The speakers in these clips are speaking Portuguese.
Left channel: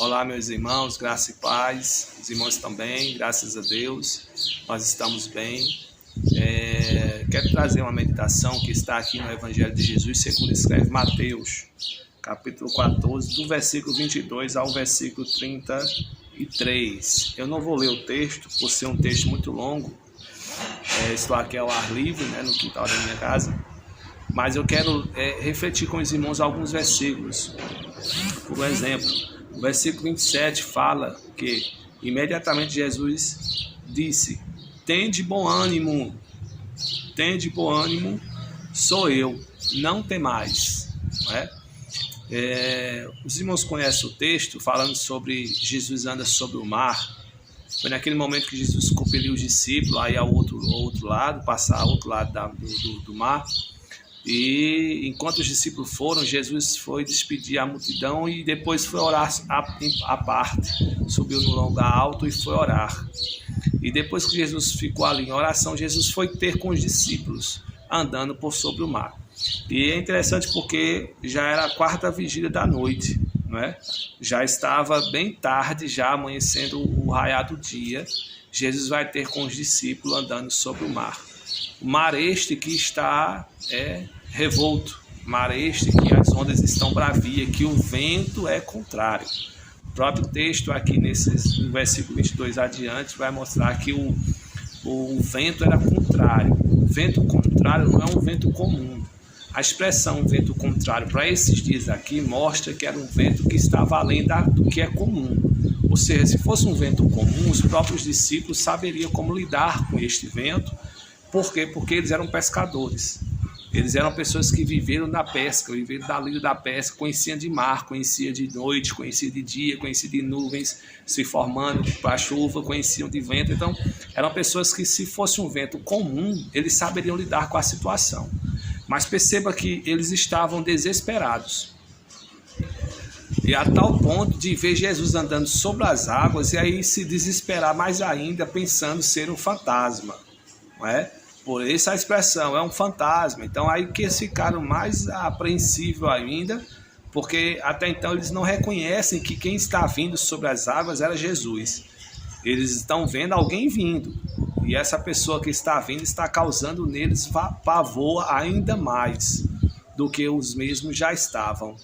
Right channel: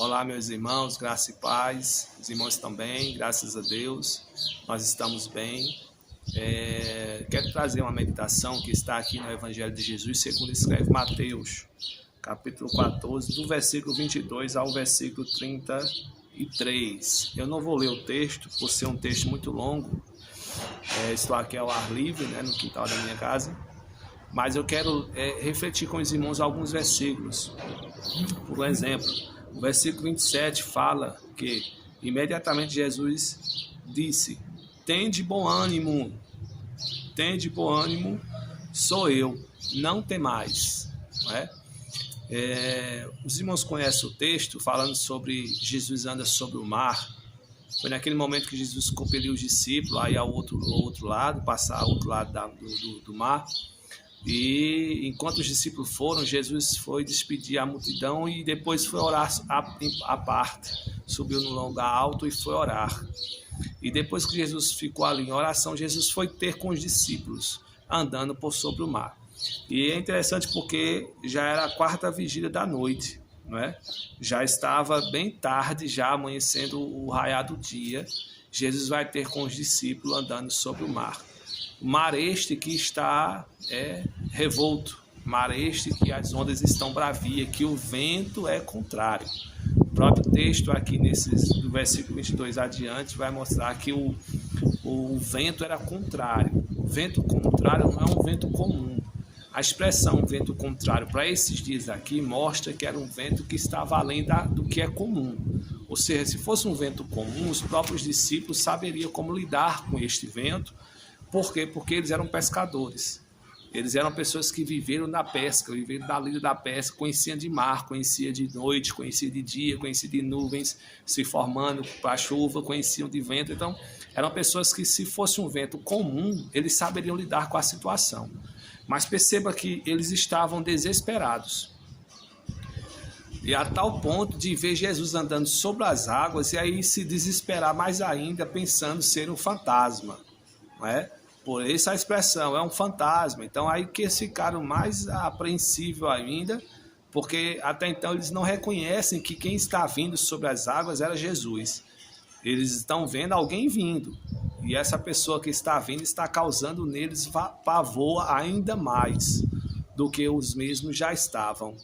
Olá, meus irmãos, graça e paz. Os irmãos também, graças a Deus, nós estamos bem. Quero trazer uma meditação que está aqui no Evangelho de Jesus, segundo escreve Mateus, capítulo 14, do versículo 22 ao versículo 33. Eu não vou ler o texto, por ser um texto muito longo. Estou aqui ao ar livre, no quintal da minha casa. Mas eu quero refletir com os irmãos alguns versículos. Por exemplo, o versículo 27 fala que imediatamente Jesus disse: tende bom ânimo, sou eu, não temais. Não é? Os irmãos conhecem o texto falando sobre Jesus anda sobre o mar. Foi naquele momento que Jesus compeliu os discípulos aí ao outro lado, passar ao outro lado do mar. E enquanto os discípulos foram, Jesus foi despedir a multidão e depois foi orar à parte. Subiu no lugar alto e foi orar. E depois que Jesus ficou ali em oração, Jesus foi ter com os discípulos, andando por sobre o mar. E é interessante porque já era a quarta vigília da noite, não é? Já estava bem tarde, já amanhecendo o raiar do dia. Jesus vai ter com os discípulos andando sobre o mar. O mar este que está revolto, mar este que as ondas estão bravias, que o vento é contrário. O próprio texto aqui no versículo 22 adiante vai mostrar que o vento era contrário. O vento contrário não é um vento comum. A expressão vento contrário para esses dias aqui mostra que era um vento que estava além do que é comum. Ou seja, se fosse um vento comum, os próprios discípulos saberiam como lidar com este vento. Por quê? Porque eles eram pescadores. Eles eram pessoas que viveram da pesca, viveram da lida da pesca, conheciam de mar, conheciam de noite, conheciam de dia, conheciam de nuvens se formando para a chuva, conheciam de vento. Então, eram pessoas que, se fosse um vento comum, eles saberiam lidar com a situação. Mas perceba que eles estavam desesperados. E a tal ponto de ver Jesus andando sobre as águas e aí se desesperar mais ainda, pensando ser um fantasma. Não é? Por essa expressão, é um fantasma. Então aí que eles ficaram mais apreensivos ainda, porque até então eles não reconhecem que quem está vindo sobre as águas era Jesus. Eles estão vendo alguém vindo, e essa pessoa que está vindo está causando neles pavor ainda mais do que os mesmos já estavam,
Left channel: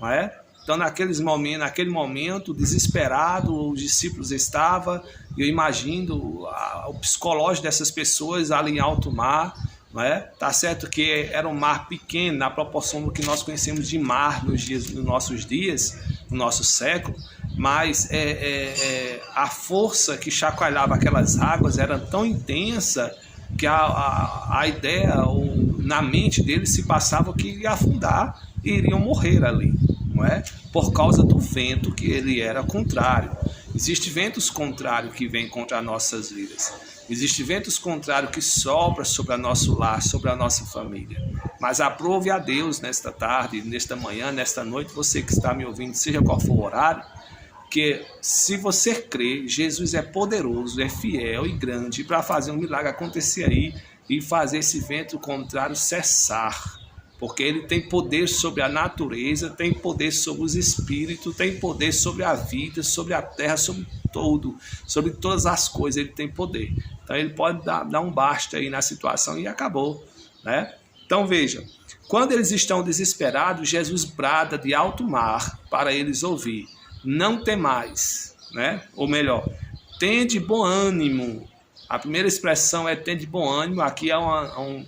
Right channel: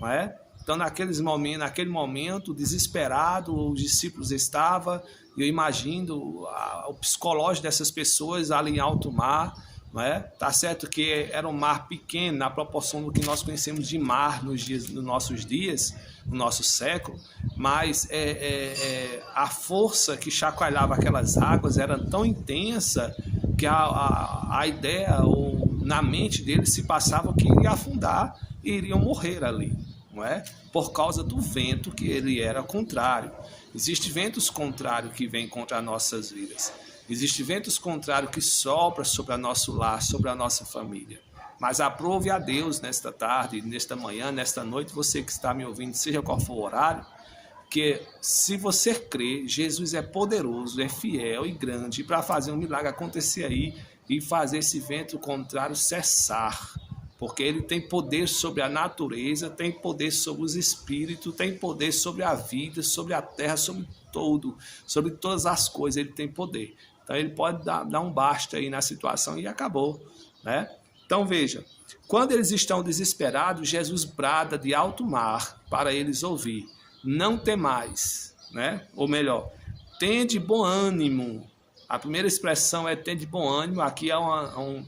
não é? Então naquele momento desesperado, os discípulos estavam, eu imagino o psicológico dessas pessoas ali em alto mar, não é? Tá certo que era um mar pequeno na proporção do que nós conhecemos de mar nos nossos dias, no nosso século, mas a força que chacoalhava aquelas águas era tão intensa que a ideia na mente deles se passava que iria afundar e iriam morrer ali. Não é? Por causa do vento que ele era contrário. Existem ventos contrários que vêm contra as nossas vidas. Existem ventos contrários que sopram sobre o nosso lar, sobre a nossa família. Mas aprove a Deus nesta tarde, nesta manhã, nesta noite, você que está me ouvindo, seja qual for o horário, que se você crê, Jesus é poderoso, é fiel e grande para fazer um milagre acontecer aí e fazer esse vento contrário cessar. Porque ele tem poder sobre a natureza, tem poder sobre os espíritos, tem poder sobre a vida, sobre a terra, sobre todas as coisas ele tem poder. Então ele pode dar um basta aí na situação e acabou, né? Então veja, quando eles estão desesperados, Jesus brada de alto mar para eles ouvir: não temais, né? Ou melhor, tende bom ânimo. A primeira expressão é tende bom ânimo, aqui é um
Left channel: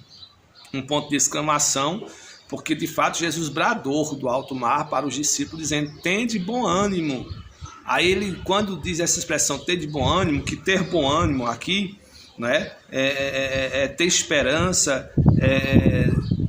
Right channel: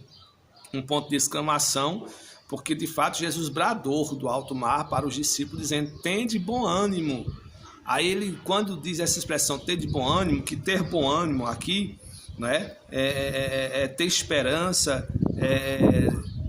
ponto de exclamação, porque de fato Jesus bradou do alto mar para os discípulos dizendo: tende bom ânimo. Aí ele, quando diz essa expressão tende bom ânimo, que ter bom ânimo aqui, né, é ter esperança,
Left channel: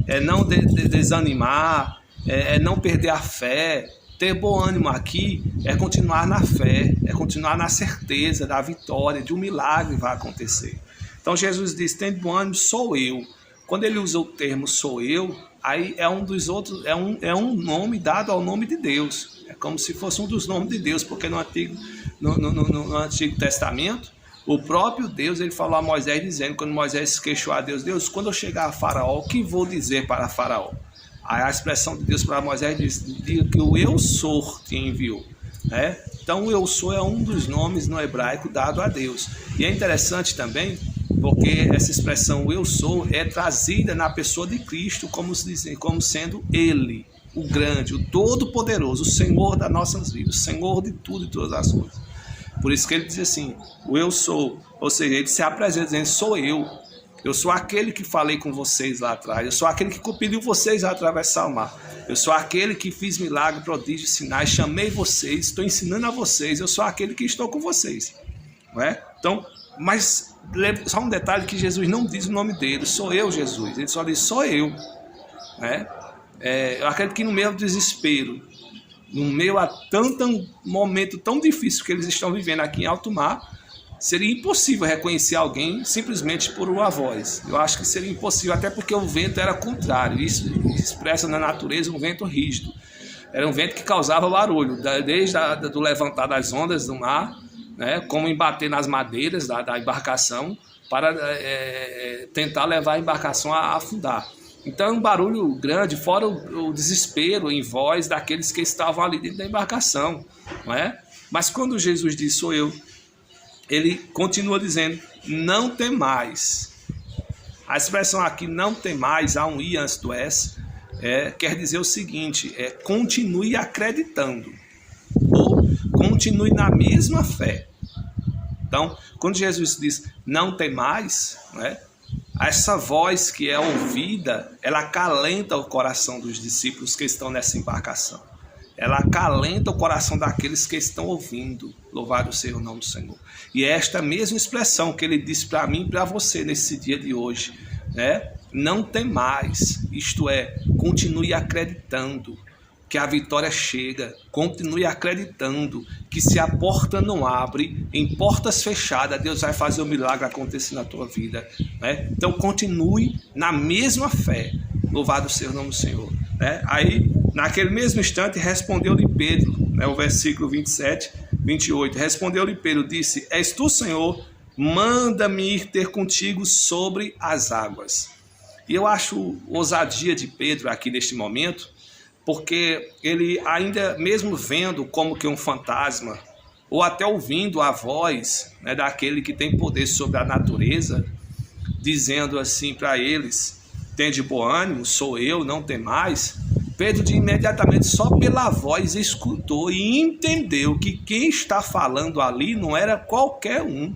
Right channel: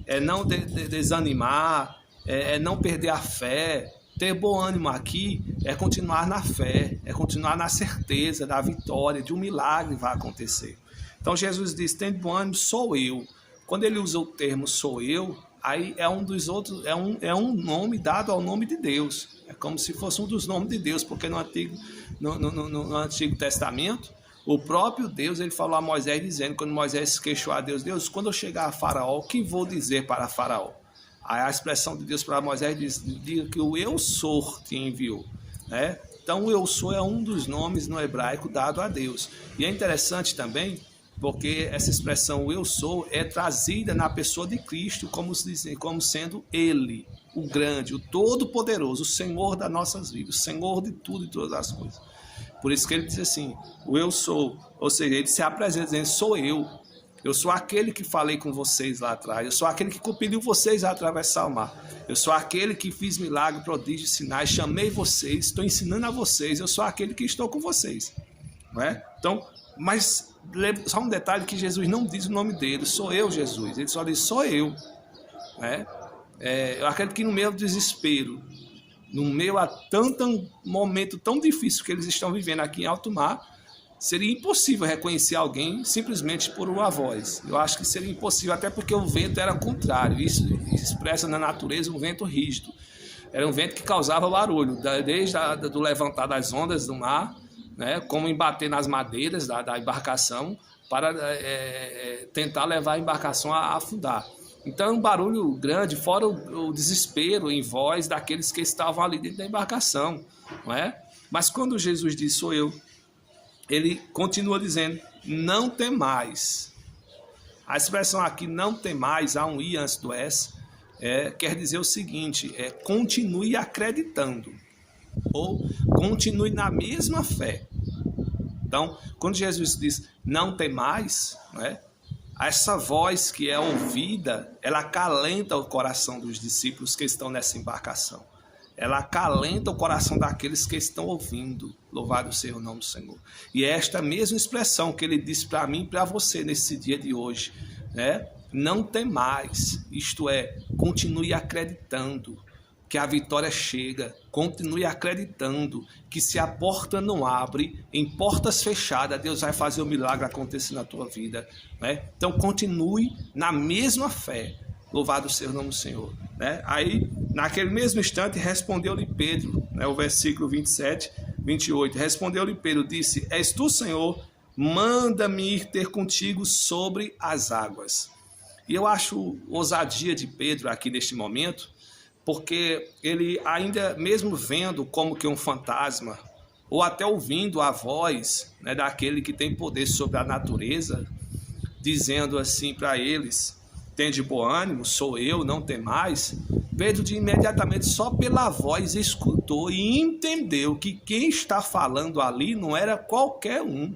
é não desanimar, é não perder a fé. Ter bom ânimo aqui é continuar na fé, é continuar na certeza da vitória, de um milagre vai acontecer. Então Jesus diz: tende bom ânimo, sou eu. Quando ele usa o termo sou eu, aí é um nome dado ao nome de Deus. É como se fosse um dos nomes de Deus, porque no Antigo Testamento, o próprio Deus ele falou a Moisés dizendo, quando Moisés se queixou a Deus: Deus, quando eu chegar a Faraó, o que vou dizer para Faraó? Aí a expressão de Deus para Moisés diz: diga que o eu sou te enviou. né? Então, o eu sou é um dos nomes no hebraico dado a Deus. E é interessante também, porque essa expressão eu sou é trazida na pessoa de Cristo como sendo Ele, o grande, o todo-poderoso, o Senhor das nossas vidas, o Senhor de tudo e todas as coisas. Por isso que ele diz assim, o eu sou, ou seja, ele se apresenta dizendo, sou eu sou aquele que falei com vocês lá atrás, eu sou aquele que compeliu vocês a atravessar o mar, eu sou aquele que fiz milagre, prodígio, sinais, chamei vocês, estou ensinando a vocês, eu sou aquele que estou com vocês, não é? Então, mas só um detalhe que Jesus não diz o nome dele, sou eu Jesus, ele só diz sou eu, né? Eu acredito que no meio do desespero, no meio a tanto momento tão difícil que eles estão vivendo aqui em alto mar, seria impossível reconhecer alguém simplesmente por uma voz. Eu acho que seria impossível, até porque o vento era contrário. Isso expressa na natureza um vento rígido. Era um vento que causava barulho, desde do levantar das ondas do mar, né, como embater nas madeiras da embarcação, para tentar levar a embarcação a afundar. Então é um barulho grande, fora o desespero em voz daqueles que estavam ali dentro da embarcação, não é? Mas quando Jesus diz sou eu, ele continua dizendo, não temais. A expressão aqui, não temais, há um i antes do s, quer dizer o seguinte, continue acreditando, ou continue na mesma fé. Então, quando Jesus diz, não temais, essa voz que é ouvida, ela acalenta o coração dos discípulos que estão nessa embarcação. Ela acalenta o coração daqueles que estão ouvindo. Louvado seja o nome do Senhor. E é esta mesma expressão que ele disse para mim e para você nesse dia de hoje, né? Não temais, isto é, continue acreditando que a vitória chega, continue acreditando que se a porta não abre, em portas fechadas, Deus vai fazer o milagre acontecer na tua vida, né? Então continue na mesma fé. Louvado seja o nome do Senhor, né? Aí, naquele mesmo instante, respondeu-lhe Pedro, né, o versículo 27, 28. Respondeu-lhe Pedro, disse, és tu, Senhor, manda-me ir ter contigo sobre as águas. E eu acho ousadia de Pedro aqui neste momento, porque ele ainda, mesmo vendo como que um fantasma, ou até ouvindo a voz, né, daquele que tem poder sobre a natureza, dizendo assim para eles, tende bom ânimo, sou eu, não tem mais. Pedro imediatamente, só pela voz, escutou e entendeu que quem está falando ali não era qualquer um,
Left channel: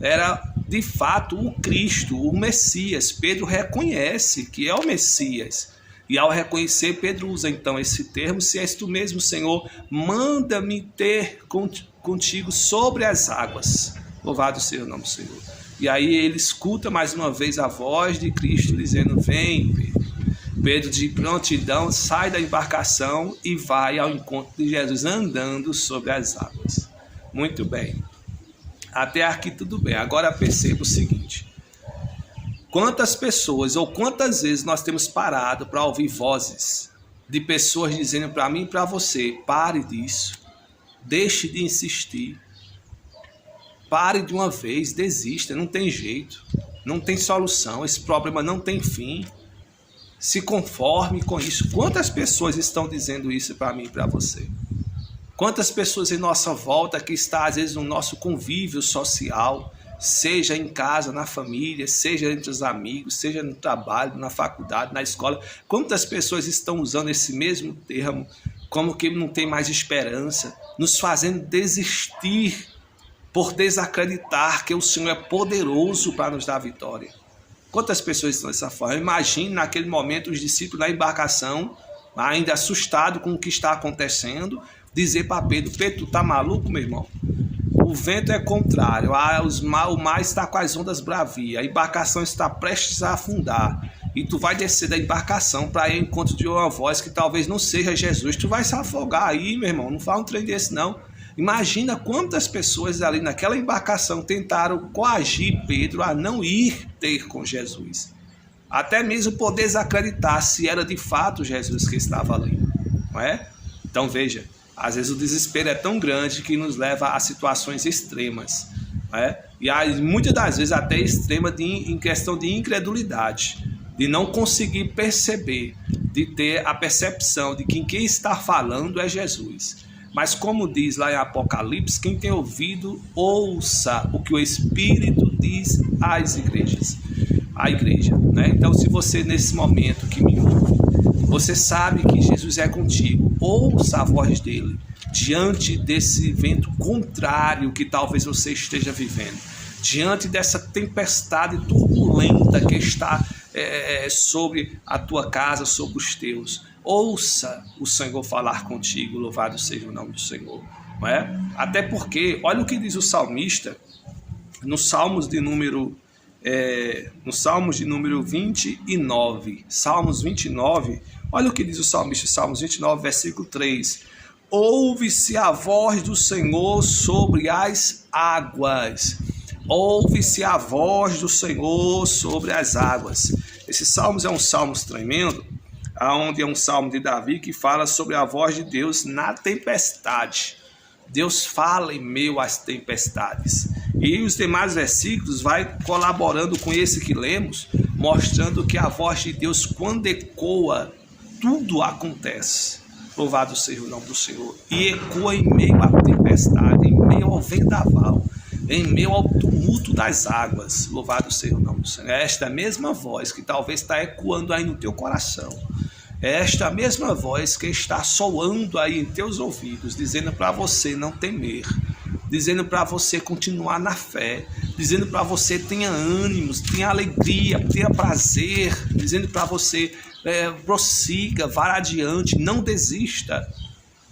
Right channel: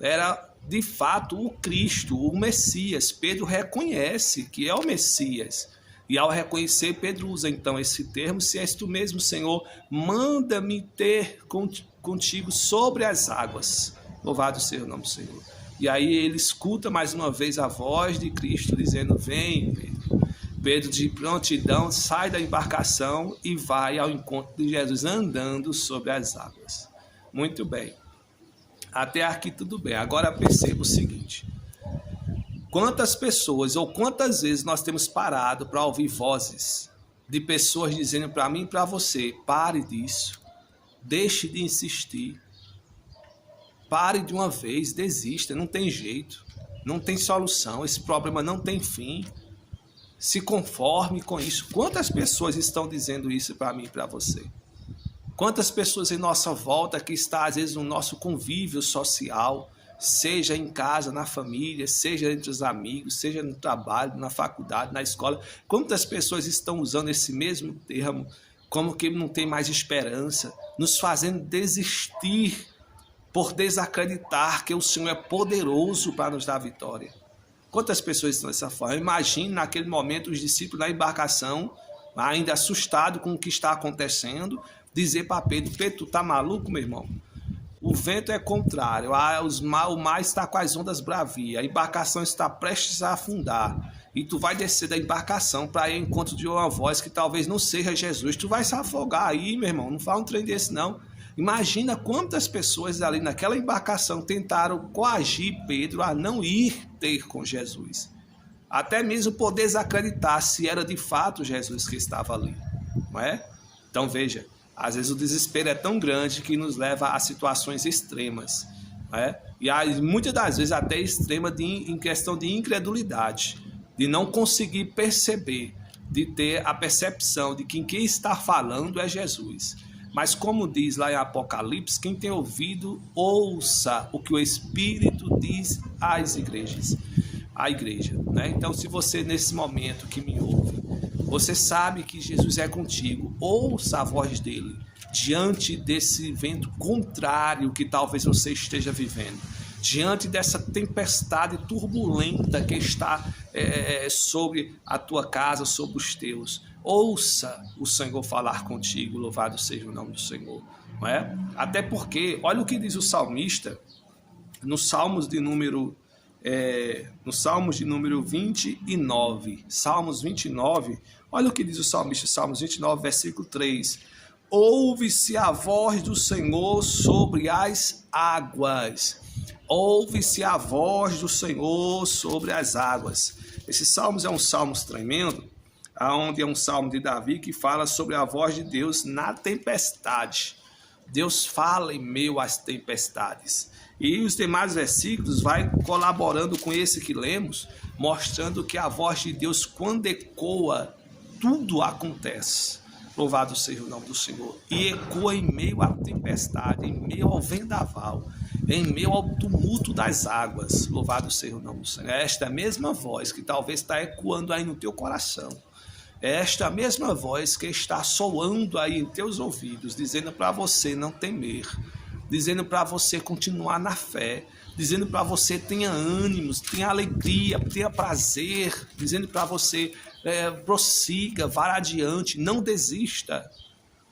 era de fato o Cristo, o Messias. Pedro reconhece que é o Messias. E ao reconhecer, Pedro usa então esse termo, se és tu mesmo, Senhor, manda-me ter contigo sobre as águas. Louvado seja o nome do Senhor. E aí ele escuta mais uma vez a voz de Cristo dizendo, vem, Pedro. Pedro de prontidão sai da embarcação e vai ao encontro de Jesus andando sobre as águas. Muito bem. Até aqui tudo bem. Agora perceba o seguinte. Quantas pessoas ou quantas vezes nós temos parado para ouvir vozes de pessoas dizendo para mim e para você, pare disso, deixe de insistir, pare de uma vez, desista, não tem jeito, não tem solução, esse problema não tem fim, se conforme com isso. Quantas pessoas estão dizendo isso para mim e para você? Quantas pessoas em nossa volta que está às vezes no nosso convívio social, seja em casa, na família, seja entre os amigos, seja no trabalho, na faculdade, na escola, quantas pessoas estão usando esse mesmo termo como que não tem mais esperança, nos fazendo desistir por desacreditar que o Senhor é poderoso para nos dar vitória. Quantas pessoas estão dessa forma? Imagine naquele momento os discípulos na embarcação, ainda assustados com o que está acontecendo, dizer para Pedro, Pedro, tu tá maluco, meu irmão? O vento é contrário, o mar está com as ondas bravias, a embarcação está prestes a afundar, e tu vai descer da embarcação para ir ao encontro de uma voz que talvez não seja Jesus, tu vai se afogar aí, meu irmão, não faz um trem desse não. Imagina quantas pessoas ali naquela embarcação tentaram coagir Pedro a não ir ter com Jesus, até mesmo por desacreditar se era de fato Jesus que estava ali, não é? Então veja, às vezes o desespero é tão grande que nos leva a situações extremas, né? E aí, muitas das vezes até extrema em questão de incredulidade, de não conseguir perceber, de ter a percepção de que quem está falando é Jesus. Mas como diz lá em Apocalipse, quem tem ouvido, ouça o que o Espírito diz às igrejas. A igreja, né? Então, se você nesse momento que me ouve, você sabe que Jesus é contigo, ouça a voz dele diante desse vento contrário que talvez você esteja vivendo, diante dessa tempestade turbulenta que está sobre a tua casa, sobre os teus. Ouça o Senhor falar contigo, louvado seja o nome do Senhor. Não é? Até porque, olha o que diz o salmista no Salmos de número 29, Salmos 29, olha o que diz o salmista, Salmos 29, versículo 3. Ouve-se a voz do Senhor sobre as águas. Ouve-se a voz do Senhor sobre as águas. Esse Salmos é um salmo tremendo, onde é um salmo de Davi que fala sobre a voz de Deus na tempestade. Deus fala em meio às tempestades. E os demais versículos vai colaborando com esse que lemos, mostrando que a voz de Deus, quando ecoa, tudo acontece. Louvado seja o nome do Senhor. E ecoa em meio à tempestade, em meio ao vendaval, em meio ao tumulto das águas. Louvado seja o nome do Senhor. É esta mesma voz que talvez está ecoando aí no teu coração. É esta mesma voz que está soando aí em teus ouvidos, dizendo para você não temer, dizendo para você continuar na fé, dizendo para você tenha ânimos, tenha alegria, tenha prazer, dizendo para você prossiga, vá adiante, não desista.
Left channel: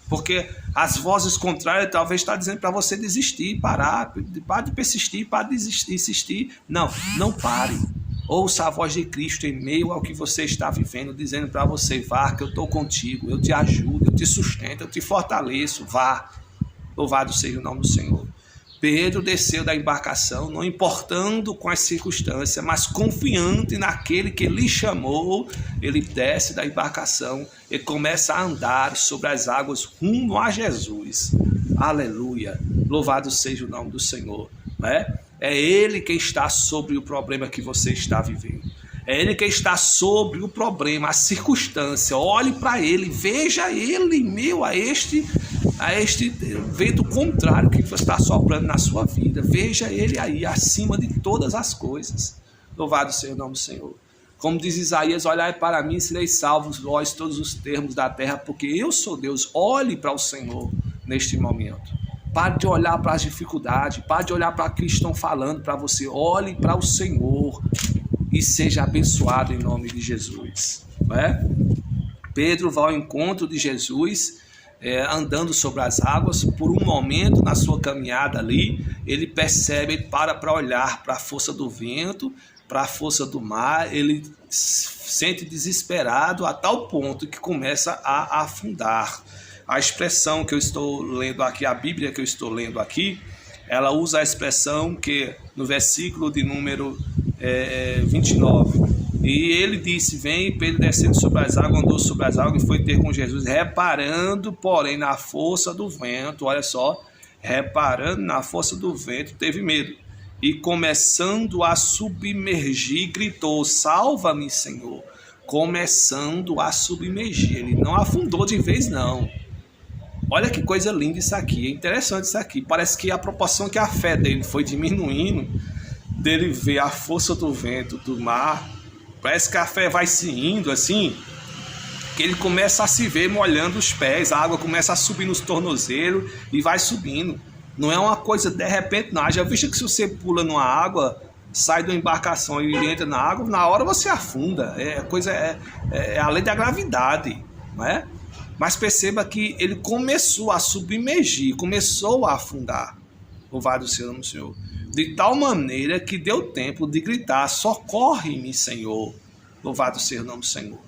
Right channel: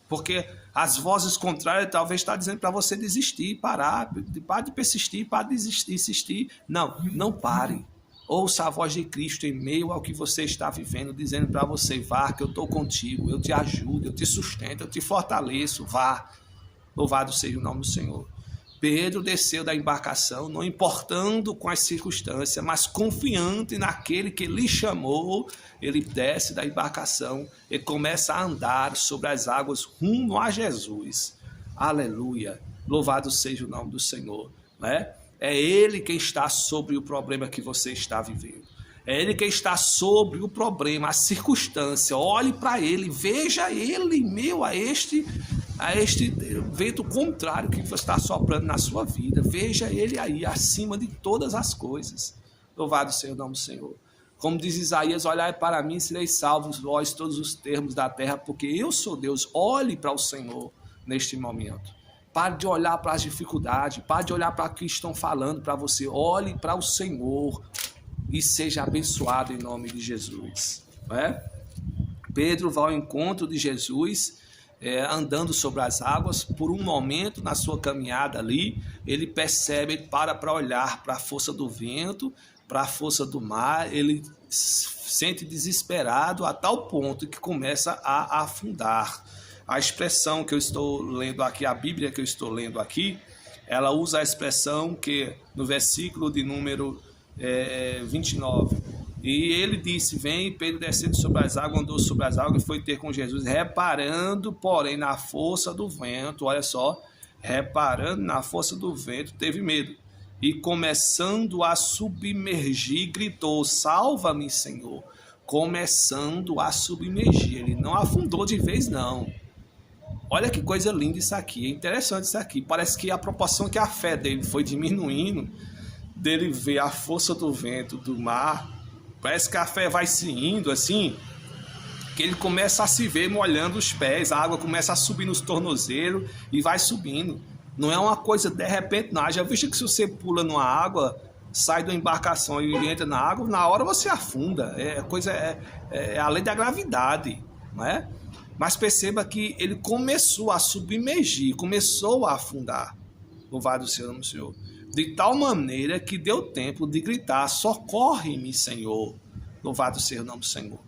Porque as vozes contrárias talvez está dizendo para você desistir, parar de persistir, parar de insistir. Não pare. Ouça a voz de Cristo em meio ao que você está vivendo, dizendo para você, vá, que eu estou contigo, eu te ajudo, eu te sustento, eu te fortaleço, vá. Louvado seja o nome do Senhor. Pedro desceu da embarcação, não importando com as circunstâncias, mas confiante naquele que lhe chamou, ele desce da embarcação e começa a andar sobre as águas rumo a Jesus. Aleluia! Louvado seja o nome do Senhor, não é? É Ele que está sobre o problema que você está vivendo. É Ele que está sobre o problema, a circunstância. Olhe para Ele, veja Ele em meio a este vento contrário que está soprando na sua vida. Veja Ele aí, acima de todas as coisas. Louvado seja o nome do Senhor. Como diz Isaías, olhai para mim, sereis salvos, vós todos os termos da terra, porque eu sou Deus. Olhe para o Senhor neste momento. Pare de olhar para as dificuldades, pare de olhar para o que estão falando para você. Olhe para o Senhor e seja abençoado em nome de Jesus. Não é? Pedro vai ao encontro de Jesus, andando sobre as águas. Por um momento na sua caminhada ali, ele percebe, para olhar para a força do vento, para a força do mar. Ele se sente desesperado a tal ponto que começa a afundar. A expressão que eu estou lendo aqui, a Bíblia que eu estou lendo aqui, ela usa a expressão que no versículo de número 29, e ele disse, vem, Pedro descendo sobre as águas, andou sobre as águas e foi ter com Jesus, reparando, porém, na força do vento, olha só, reparando na força do vento, teve medo, e começando a submergir, gritou, salva-me, Senhor, começando a submergir, ele não afundou de vez, não. Olha que coisa linda isso aqui, é interessante isso aqui. Parece que a proporção que a fé dele foi diminuindo, dele ver a força do vento, do mar, parece que a fé vai se indo assim, que ele começa a se ver molhando os pés, a água começa a subir nos tornozelos e vai subindo. Não é uma coisa de repente, não. Já visto que se você pula numa água, sai de uma embarcação e entra na água, na hora você afunda. É a lei da gravidade, não é? Mas perceba que ele começou a submergir, começou a afundar. Louvado seja o nome do Senhor. De tal maneira que deu tempo de gritar, socorre-me, Senhor. Louvado seja o nome do Senhor.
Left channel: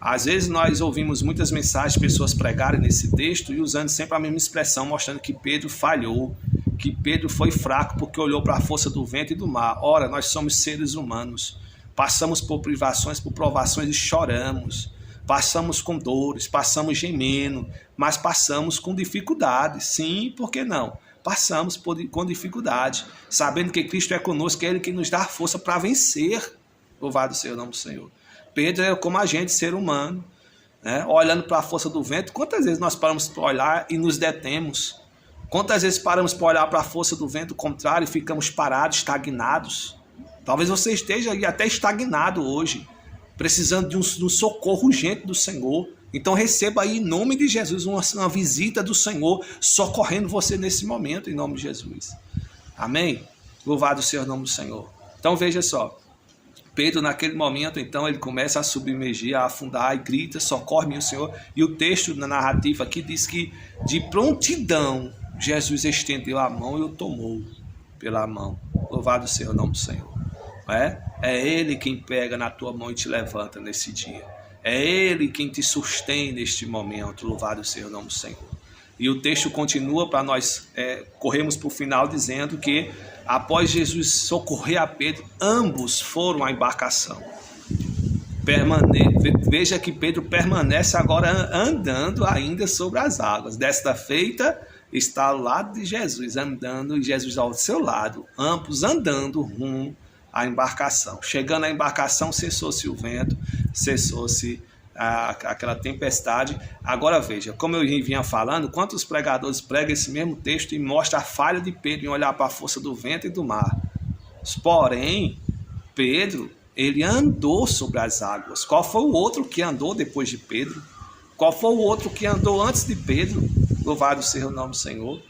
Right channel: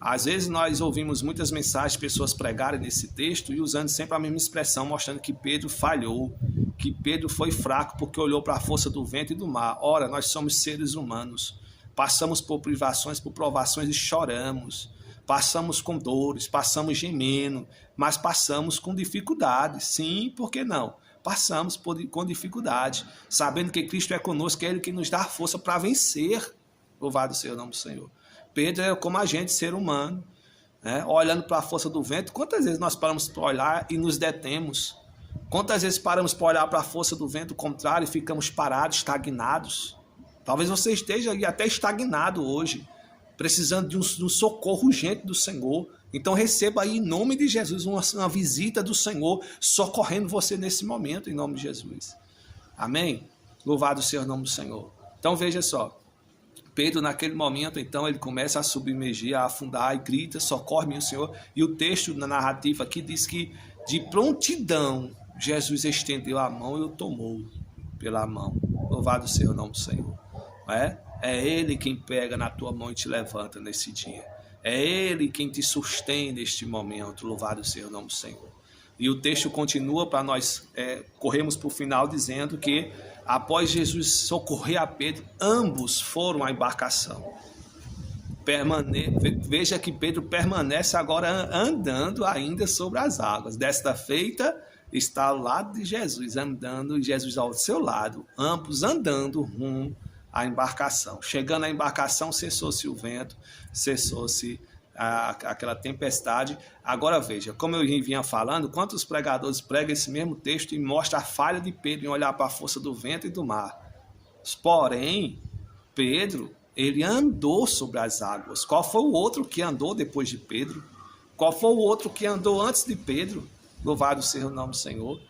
Às vezes nós ouvimos muitas mensagens de pessoas pregarem nesse texto e usando sempre a mesma expressão, mostrando que Pedro falhou, que Pedro foi fraco porque olhou para a força do vento e do mar. Ora, nós somos seres humanos, passamos por privações, por provações e choramos. Passamos com dores, passamos gemendo, mas passamos com dificuldades. Sim, por que não? Passamos com dificuldade, sabendo que Cristo é conosco, que é Ele que nos dá força para vencer. Louvado seja o nome do Senhor. Pedro é como a gente, ser humano. né? Olhando para a força do vento. Quantas vezes nós paramos para olhar e nos detemos? Quantas vezes paramos para olhar para a força do vento contrário e ficamos parados, estagnados? Talvez você esteja aí até estagnado hoje, precisando de um socorro urgente do Senhor. Então receba aí, em nome de Jesus, uma visita do Senhor socorrendo você nesse momento, em nome de Jesus. Amém? Louvado seja o nome do Senhor. Então veja só, Pedro naquele momento, então, ele começa a submergir, a afundar e grita, socorre-me o Senhor. E o texto na narrativa aqui diz que de prontidão Jesus estendeu a mão e o tomou pela mão. Louvado seja o nome do Senhor. É Ele quem pega na tua mão e te levanta nesse dia. É Ele quem te sustém neste momento. Louvado seja o nome do Senhor. E o texto continua para nós corrermos para o final dizendo que após Jesus socorrer a Pedro, ambos foram à embarcação. Veja que Pedro permanece agora andando ainda sobre as águas. Desta feita está ao lado de Jesus, andando, e Jesus ao seu lado, ambos andando rumo à embarcação. Chegando à embarcação, cessou-se o vento, cessou-se aquela tempestade. Agora veja, como eu vinha falando, quantos pregadores pregam esse mesmo texto e mostram a falha de Pedro em olhar para a força do vento e do mar. Porém, Pedro, ele andou sobre as águas. Qual foi o outro que andou depois de Pedro? Qual foi o outro que andou antes de Pedro? Louvado seja o nome do Senhor.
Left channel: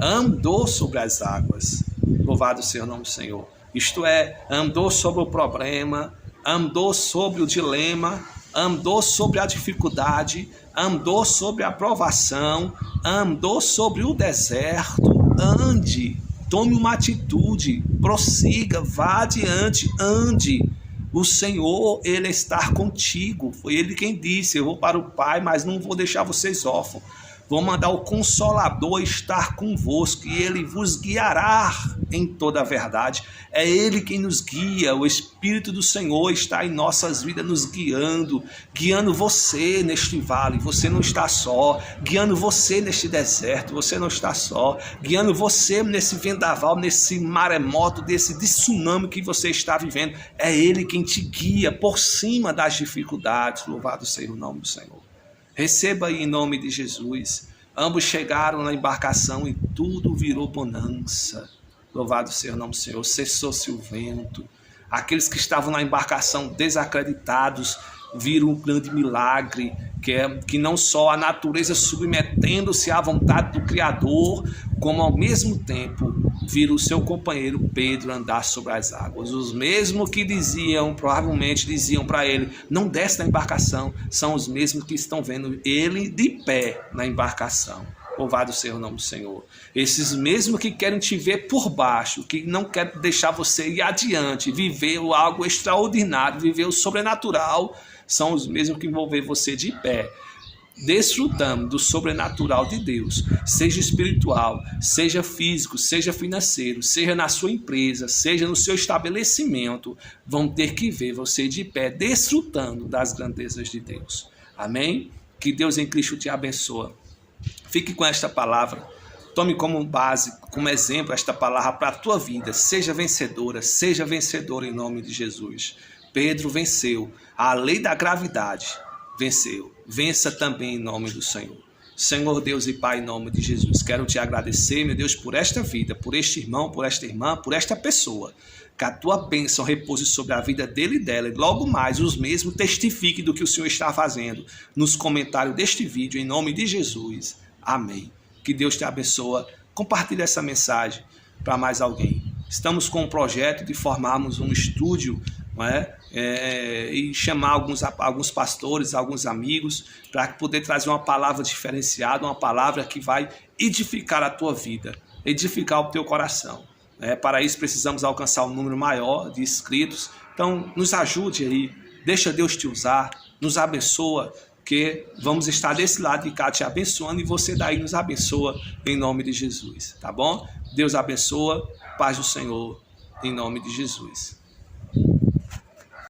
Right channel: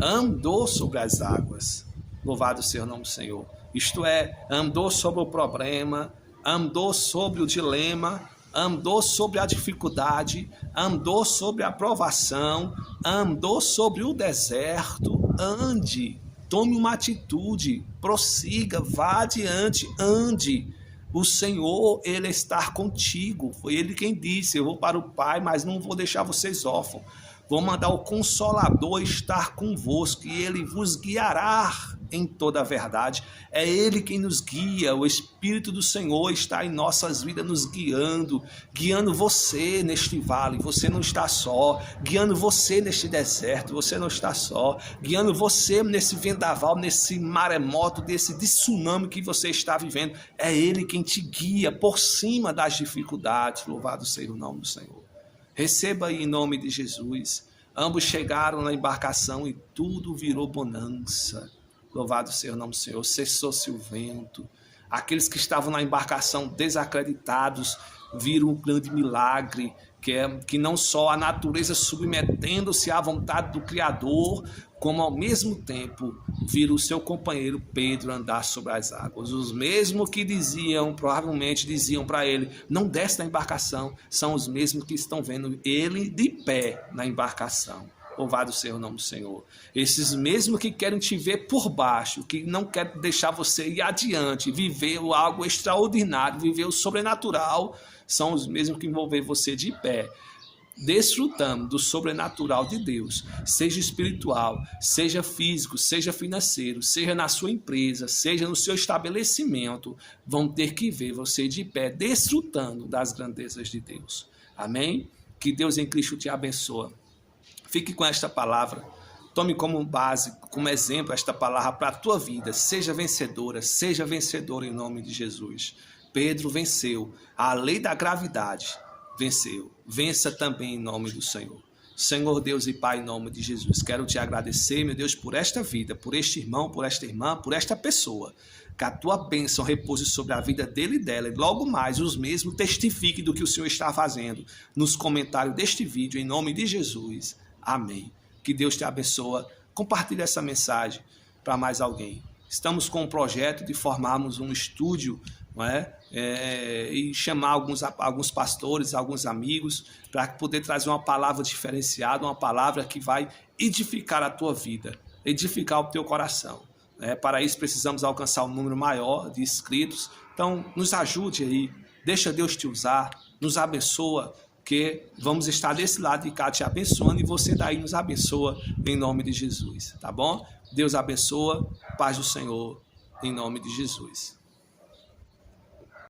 Andou sobre as águas. Louvado seja o nome do Senhor. Isto é, andou sobre o problema, andou sobre o dilema, andou sobre a dificuldade, andou sobre a provação, andou sobre o deserto. Ande, tome uma atitude, prossiga, vá adiante, ande. O Senhor, Ele está contigo. Foi Ele quem disse, eu vou para o Pai, mas não vou deixar vocês órfãos. Vou mandar o Consolador estar convosco e Ele vos guiará em toda a verdade. É Ele quem nos guia. O Espírito do Senhor está em nossas vidas nos guiando você neste vale. Você não está só. Guiando você neste deserto. Você não está só. Guiando você nesse vendaval, nesse maremoto, desse tsunami que você está vivendo. É Ele quem te guia por cima das dificuldades. Louvado seja o nome do Senhor. Receba aí em nome de Jesus. Ambos chegaram na embarcação e tudo virou bonança. Louvado seja o nome do Senhor. Cessou-se o vento. Aqueles que estavam na embarcação desacreditados viram um grande milagre, que não só a natureza submetendo-se à vontade do Criador, como ao mesmo tempo viram o seu companheiro Pedro andar sobre as águas. Os mesmos que provavelmente diziam para ele, não desce da embarcação, são os mesmos que estão vendo ele de pé na embarcação. Louvado seja o nome do Senhor. Esses mesmos que querem te ver por baixo, que não querem deixar você ir adiante, viver algo extraordinário, viver o sobrenatural, são os mesmos que vão ver você de pé, desfrutando do sobrenatural de Deus, seja espiritual, seja físico, seja financeiro, seja na sua empresa, seja no seu estabelecimento, vão ter que ver você de pé, desfrutando das grandezas de Deus. Amém? Que Deus em Cristo te abençoe. Fique com esta palavra, tome como base, como exemplo esta palavra para a tua vida. Seja vencedor em nome de Jesus. Pedro venceu a lei da gravidade, venceu. Vença também em nome do Senhor. Senhor Deus e Pai, em nome de Jesus, quero te agradecer, meu Deus, por esta vida, por este irmão, por esta irmã, por esta pessoa. Que a tua bênção repouse sobre a vida dele e dela, e logo mais os mesmos testifiquem do que o Senhor está fazendo nos comentários deste vídeo, em nome de Jesus. Amém. Que Deus te abençoe. Compartilhe essa mensagem para mais alguém. Estamos com um projeto de formarmos um estúdio, não é? E chamar alguns pastores, alguns amigos, para poder trazer uma palavra diferenciada, uma palavra que vai edificar a tua vida, edificar o teu coração. Para isso precisamos alcançar um número maior de inscritos. Então nos ajude aí, deixa Deus te usar, nos abençoa, que vamos estar desse lado de cá te abençoando e você daí nos abençoa em nome de Jesus, tá bom? Deus abençoa, paz do Senhor, em nome de Jesus.